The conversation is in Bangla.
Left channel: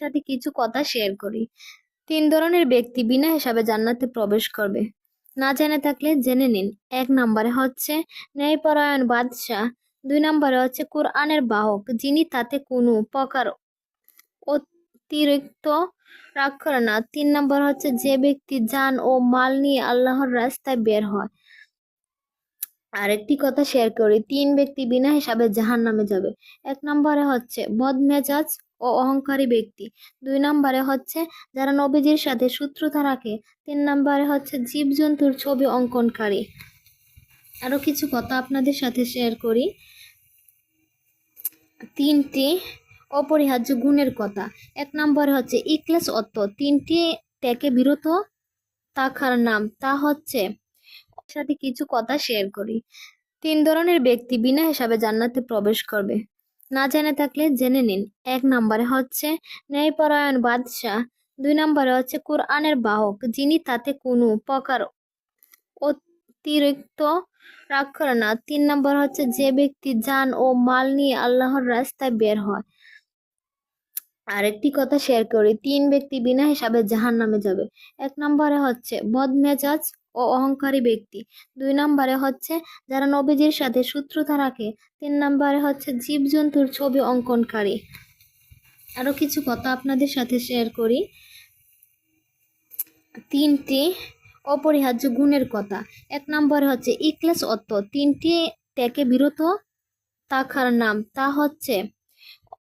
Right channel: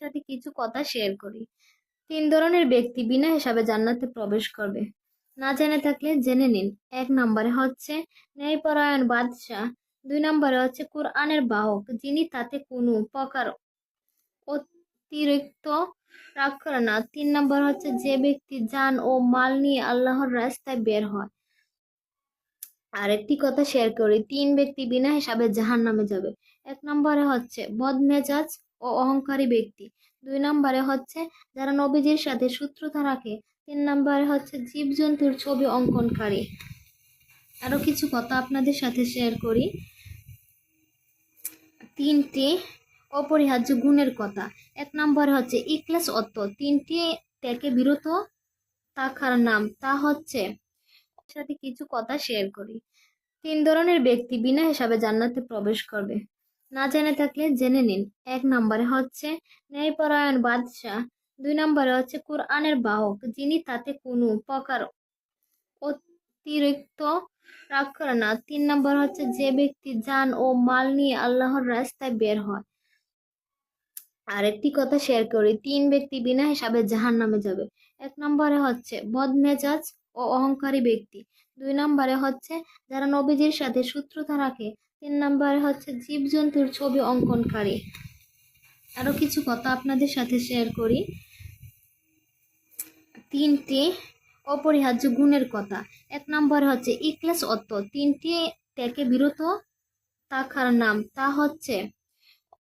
সাথে কিছু কথা শেয়ার করি। ৩ ধরনের ব্যক্তি বিনা হিসাবে জান্নাতে প্রবেশ করবে। না জেনে থাকলে জেনে নিন। ১ নম্বরে হচ্ছে ন্যায়পরায়ণ বাদশাহ। ২ নম্বরে হচ্ছে কোরআনের বাহক, যিনি তাতে কোনো প্রকার অতিরিক্ত রাগ করে না। ৩ নম্বর হচ্ছে যে ব্যক্তি জান ও মাল নিয়ে আল্লাহর রাস্তায় বের হয়। আরেকটি কথা শেয়ার করি, ৩ ব্যক্তি বিনা হিসাবে জাহান্নামে যাবে। ১ নম্বরে হচ্ছে বদমেজাজ ও অহংকারী ব্যক্তি। ২ নম্বরে হচ্ছে যারা নবীজির সাথে শত্রুতা রাখে। ৩ নম্বরে হচ্ছে জীবজন্তুর ছবি অঙ্কনকারী। আরো কিছু কথা আপনাদের সাথে শেয়ার করি। ৩টি অপরিহার্য গুণের কথা। ১ নম্বরে হচ্ছে ইখলাস অর্থ ৩টি থেকে বিরত থাকার নাম, তা হচ্ছে সাথে কিছু কথা শেয়ার করি। ৩ ধরনের ব্যক্তি বিনা হিসাবে জান্নাতে প্রবেশ করবে। না জেনে থাকলে জেনে নিন। ১ নম্বরে হচ্ছে ন্যায়পরায়ণ বাদশাহ। ২ নম্বরে হচ্ছে কোরআনের বাহক, যিনি তাতে কোনো প্রকার অতিরিক্ত রাগ করে না। ৩ নম্বর হচ্ছে যে ব্যক্তি জান ও মাল নিয়ে আল্লাহর রাস্তায় বের হয়। আরেকটি কথা শেয়ার করি, ৩ ব্যক্তি বিনা হিসাবে জাহান্নামে যাবে। ১ নম্বরে হচ্ছে বদমেজাজ ও অহংকারী ব্যক্তি। ২ নম্বরে হচ্ছে যারা নবীজির সাথে শত্রুতা রাখে। ৩ নম্বরে হচ্ছে জীবজন্তুর ছবি অঙ্কনকারী। আরো কিছু কথা আপনাদের সাথে শেয়ার করি। ৩টি অপরিহার্য গুণের কথা। ১ নম্বরে হচ্ছে ইখলাস অর্থ ৩টি থেকে বিরত থাকার নাম, তা হচ্ছে